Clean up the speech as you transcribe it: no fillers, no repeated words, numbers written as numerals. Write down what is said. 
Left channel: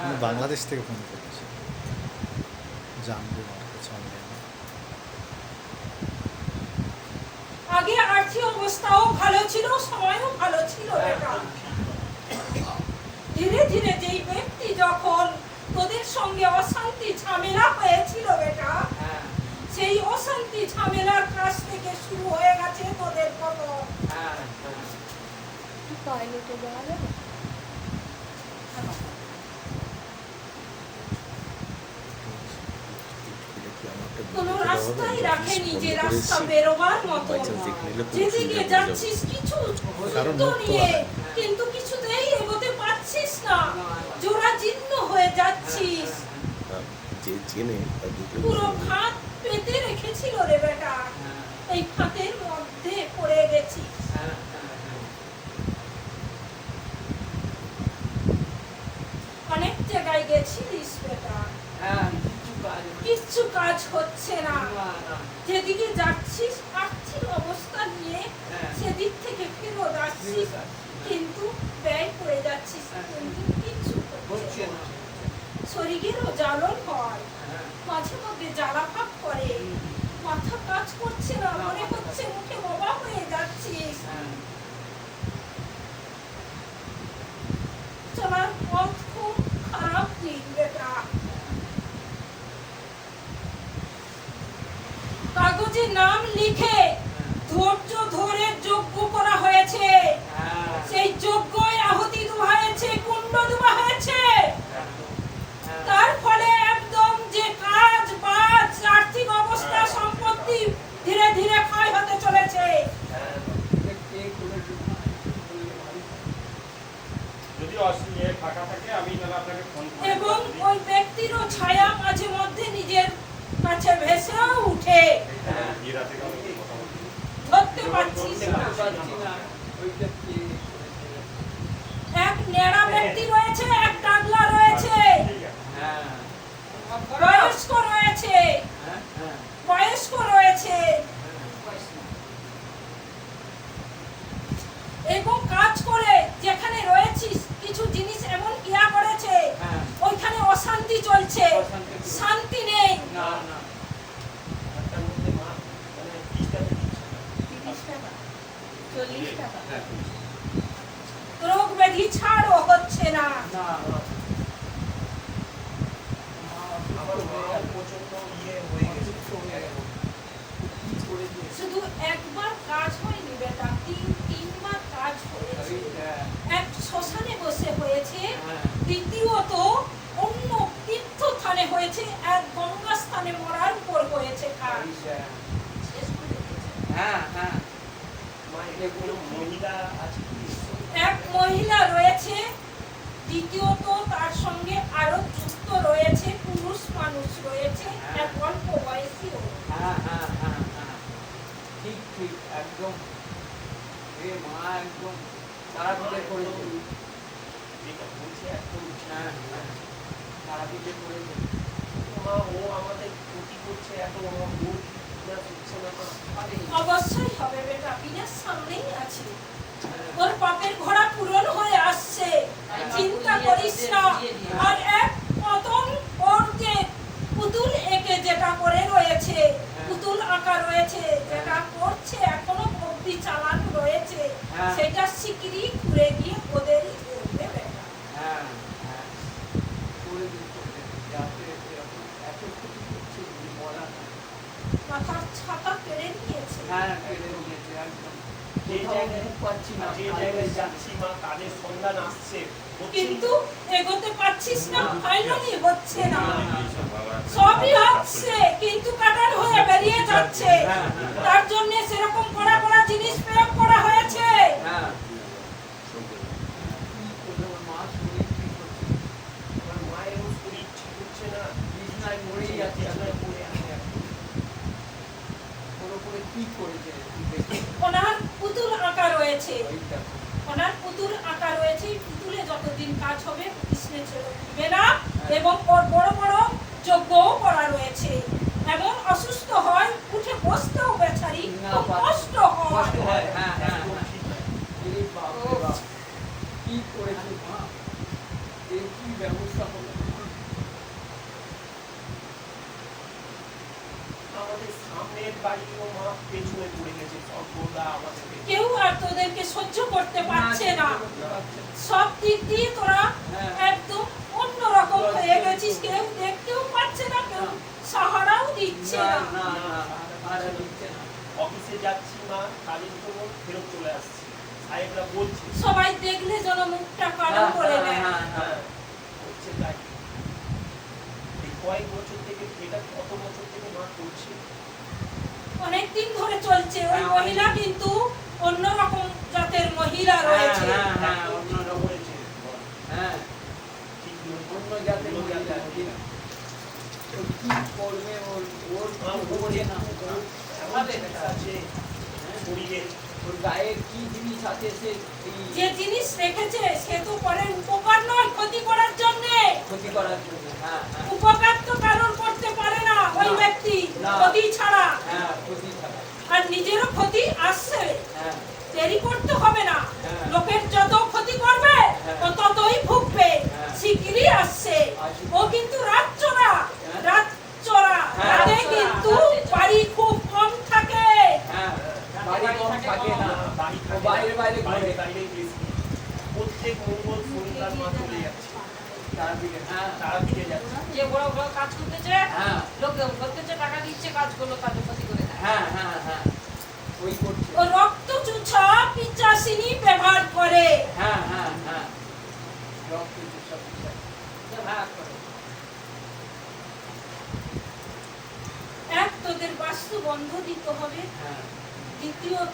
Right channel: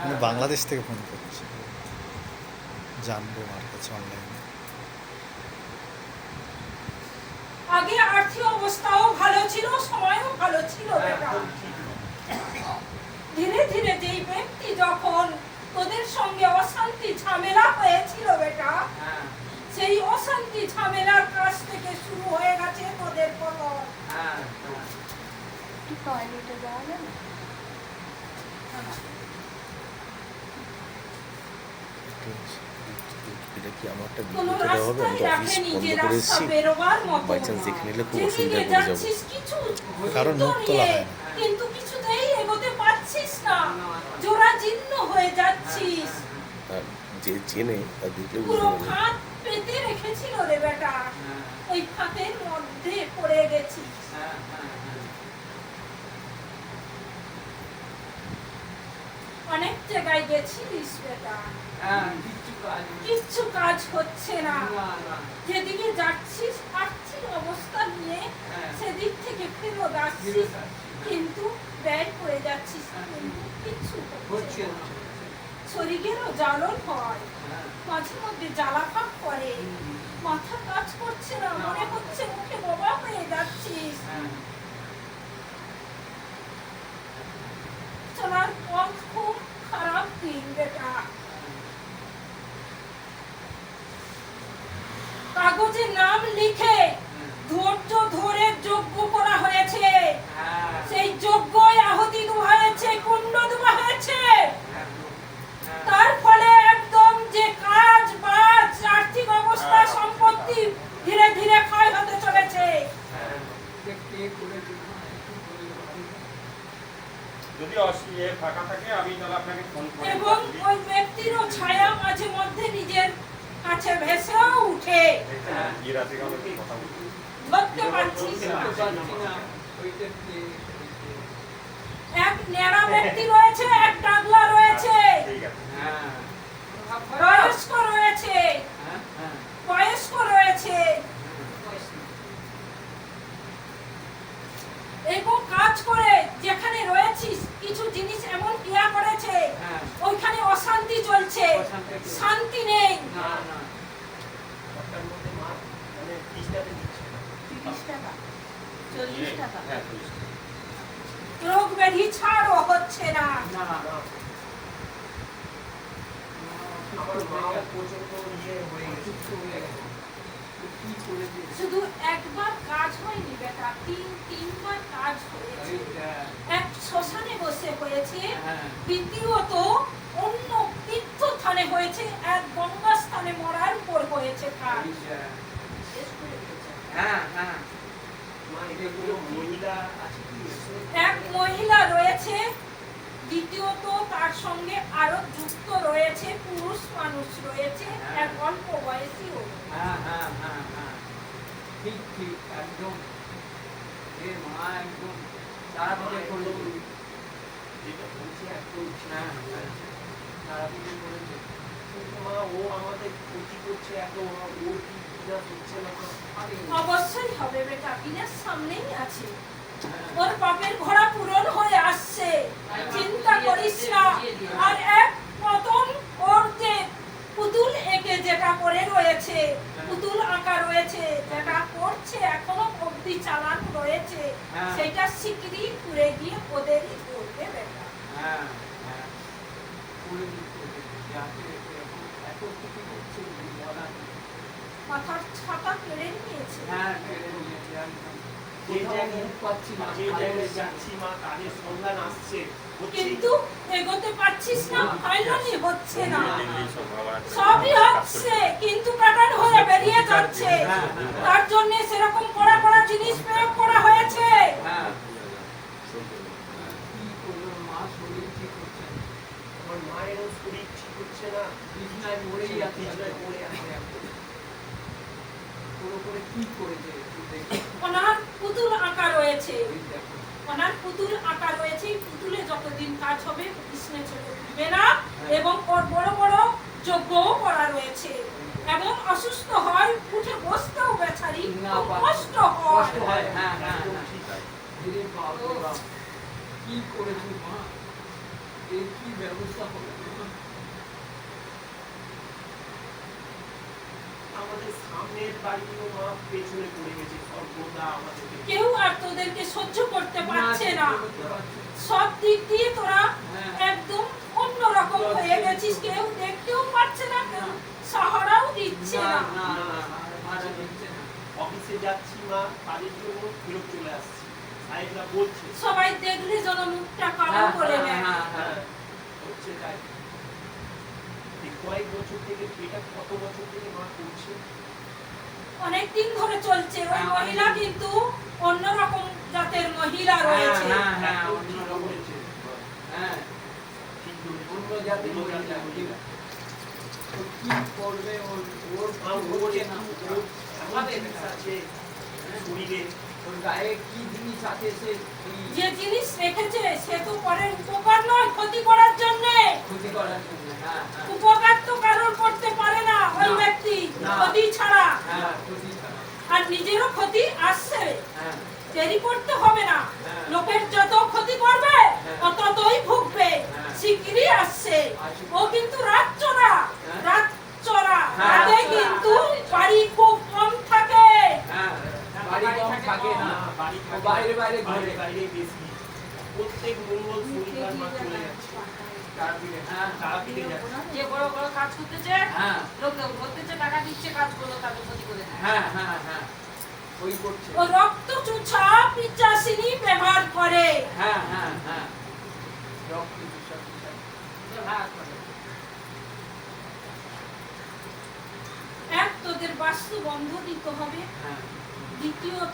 মানে বাংলাদেশ থেকে ফোন করছে, জানবে মার কাছে অনলাইনে। আগে আর্থিক অবস্থাও ভালো ছিল, সময়ও ভালো ছিল বেটা। ধীরে ধীরে যেই ব্যক্তি যখন তোদের সঙ্গে অশান্তি ঝামেলা হয়েছিল বেটা, সেই অশান্তি ঝামেলার কাছ থেকে শুরু হয়ে গেছে তোদের পতন। টয়লেটে যাওয়া যাবে? কোনো রাস্তাই রাখেনি যে রাস্তা বেরোবার মতো। যেদিকে যাচ্ছিস কিছু কারণ মুখ তোলা হয় না। কিন্তু কিছুতেই এগোতে পারছিস না, জোড়া জীর্ণ হয়ে যাচ্ছিস। যে চেনে তার দেখলে পুরো ফাঁক পেতে রেখেছিল রে বেটা, ওই ফাঁকের মধ্যে পড়ে গেছিস। অনেক জায়গায় গেছিলিস বেটা, কিচ্ছু কাজ হচ্ছে না। যেদিকে যাচ্ছিস আর্থিক অবস্থা নিয়ে সেদিক থেকে ফেরত আসছিস, কিন্তু ব্যয় করে যাচ্ছিস, কিন্তু কিচ্ছু হচ্ছে না। শরীরেরও জ্বালন হয়, মাঝে মধ্যে জ্বালা ভাব করে, মাথা কাজ করছে না, মনে হচ্ছে মুখে বাবা হয়ে যাচ্ছিস। চলার পথ খুব খারাপ দিন বেটা। কাগজে নাম লিখে ধৈর্য ধরে যজ্ঞ করা হয়েছে, সেই যজ্ঞয় আহুতি দেওয়া হয়েছে, কুণ্ড দেওয়া হয়েছে। তার ফলে একদম যে কাজ বাজ আর্থিক অবস্থা সম্পত্তি ধীরে ধীরে ক্ষয় হতে চলেছে। যদি ফাঁকা থাকে আমি তাহলে আপনাকে ফোন করে এবং ওই ব্যক্তিরও ছায়া মাঝে মধ্যে নিজের কাছে ভেসেও উঠে, এই রাতে কথা বলছি। ধরতে পারছিস না। এক নেড়া ব্যক্তি রয়েছে, এক টাগলা রয়েছে, ঠিক আছে। বয়স্ক রয়েছে, বয়স্ক রয়েছে, এবং কাজ করে যেখানে রয়েছিস কিছু জিনিস এমন ক্রিয়া করেছে, ওইখানে অশান্তি চলছে, শান্তি নেই। রোগ ব্যাধি ছাড়ও হচ্ছে না। শুধু একবার কাজ হয়নি বেটা, তিনবার কাজ হয়েছে। এক শ্মশানে বসে হয়েছে, দ্বিতীয়ত অন্য তীর্থস্থানে হয়েছে, এক গঙ্গা স্থানে মরার উপর হয়েছে কাজ। এক মহিলা রয়েছে, দ্বিতীয়ত তার সঙ্গে আরো যুক্ত রয়েছে পুরুষ মানুষ রয়েছে, এক অল্প বয়সী। ঠিক ঠিক একদম মা একদম তারাপীঠে করেছে, তারাপীঠে করেছে। ও আমাদের ক্ষতি করছে এত, অবশ্যই হবে বেটা, বিনাশ সামনেই আছে, ওর পাপের ঘোড়া পূরণ হয়ে আসছে, চিন্তা করিস না। আর এক পতন ওর যে পুতুল এঁকে যেটা করে রয়েছে, পুতুল আঁকা রয়েছে, যেটা করছে এখনো অবধি চালান রয়েছে, সেটা শিগগিরই ঘুরে গিয়ে ওদেরই করবে বেটা। মাথার ছাপা কেড়ে নিয়েছে। কিন্তু এগোতে পারছিস না, ফাইনালি হচ্ছে না। সবই হচ্ছে কিন্তু কাটার হয়ে বেরিয়ে যাচ্ছে। তার জন্য সেরকম কড়া কড়া জিনিস প্রয়োগ করা হয়েছে। মা শরীর ঠিক হচ্ছে, আমার মায়েরও শরীর ঠিক হচ্ছে না, বিছনায় মরেই আছে, পড়ে আছে। তোর উপরে কি করেছে? ওনার পুতুল আঁকা রয়েছে, ওনার পুতুল আঁকা রয়েছে। পুতুলে যতদিন কাজ হবে কৃষ্ণের চলে উঠবে না, এবং ওর বড় বড় যজ্ঞও করা রয়েছে। এমন অসুস্থ হয়, উঠে বসতেও বেচারি কষ্ট হয়। কি করেছে মা? এর কি ব্যবস্থা হবে? আমাদের সামনের বাড়িও মা পেছনে পড়ে গেছে, সর্বদা আমাদের কেউ আর তোদেরকে সহ্য করতে পারছে না। করতে পারছে না। সব দিক দিয়ে তোরা হ্যাঁ। একদম অন্যরকম হয়ে গেছিস। কেউ দেখতেও পাচ্ছে না, কেউ সাহারাও দিচ্ছে না, না। না, না, আর দিচ্ছে না। অফিসে যাচ্ছি মা, কাজের জন্য ফেরত চলে আসছি, সাহেবরা বলছে সবাই দেখলে যেন মুখটা কালো করে নেয়। হ্যাঁ, হচ্ছে তাই। এই কয়েক বছর থেকে, এটা কত বছর থেকে মা করছে? অনেকদিন ধরে চলছে। ওই হ্যাঁ, মহিলা কিন্তু অন্যরকম জাতের মহিলা রয়েছে। হ্যাঁ, অন্য রয়েছে। হ্যাঁ, ঠিক অন্য জাতের মহিলা। ঠিক। ও কি করবে? ওর খবরে না। আমাদের কাছে শরীরে ওর গায়ে কি জিনিস আছে সে যে জিনিস রেখেছে সে তো করে উপকার নয়, ক্ষতি করার জন্য। ক্ষতি করার জন্য। হ্যাঁ, হ্যাঁ, উপকার তো কারোর করতে পারে না ওই না। ব্যক্তি, না। ক্ষতি ছাড়া। হ্যাঁ, ক্ষতি ছাড়া। আর নিজেরও ক্ষতি আসছে, হ্যাঁ, দেরি করতে হবে না। হ্যাঁ। লোকের যত ক্ষতি করবে হ্যাঁ। ও ততই ভুগবে। হ্যাঁ। শিগগিরই আসছে। আসছে। ও কিন্তু রাত চড়া, হ্যাঁ। রাত চড়া। হ্যাঁ, রাতে রাত চড়া, কিন্তু রাতে চড়া। বাড়ি খুব কম থাকে। হ্যাঁ, বাড়ি কম থাকে না, ও বাইরে বাইরে ঘুরে। প্রত্যেক মঙ্গল শনিবার মা চলে যাচ্ছে তারাপীঠে। হ্যাঁ, তারাপীঠে যাচ্ছে। যে বড় বড় কাজ করতেছে, হ্যাঁ, লোক করতেছে, টাকা দিচ্ছে, কাজ করলো, তাদের ক্ষতি করে দেয়। হ্যাঁ, হ্যাঁ, হ্যাঁ, ওই করছে। ও রক্ত চুষা পিচাসিনী ব্যবহার করে। হ্যাঁ, হ্যাঁ, হ্যাঁ, রক্ত চুষা পিশাচ। ভাগ করে। এক, তোদের বাস্তু বন্ধ দিতে হবে। হ্যাঁ, দ্বিতীয়ত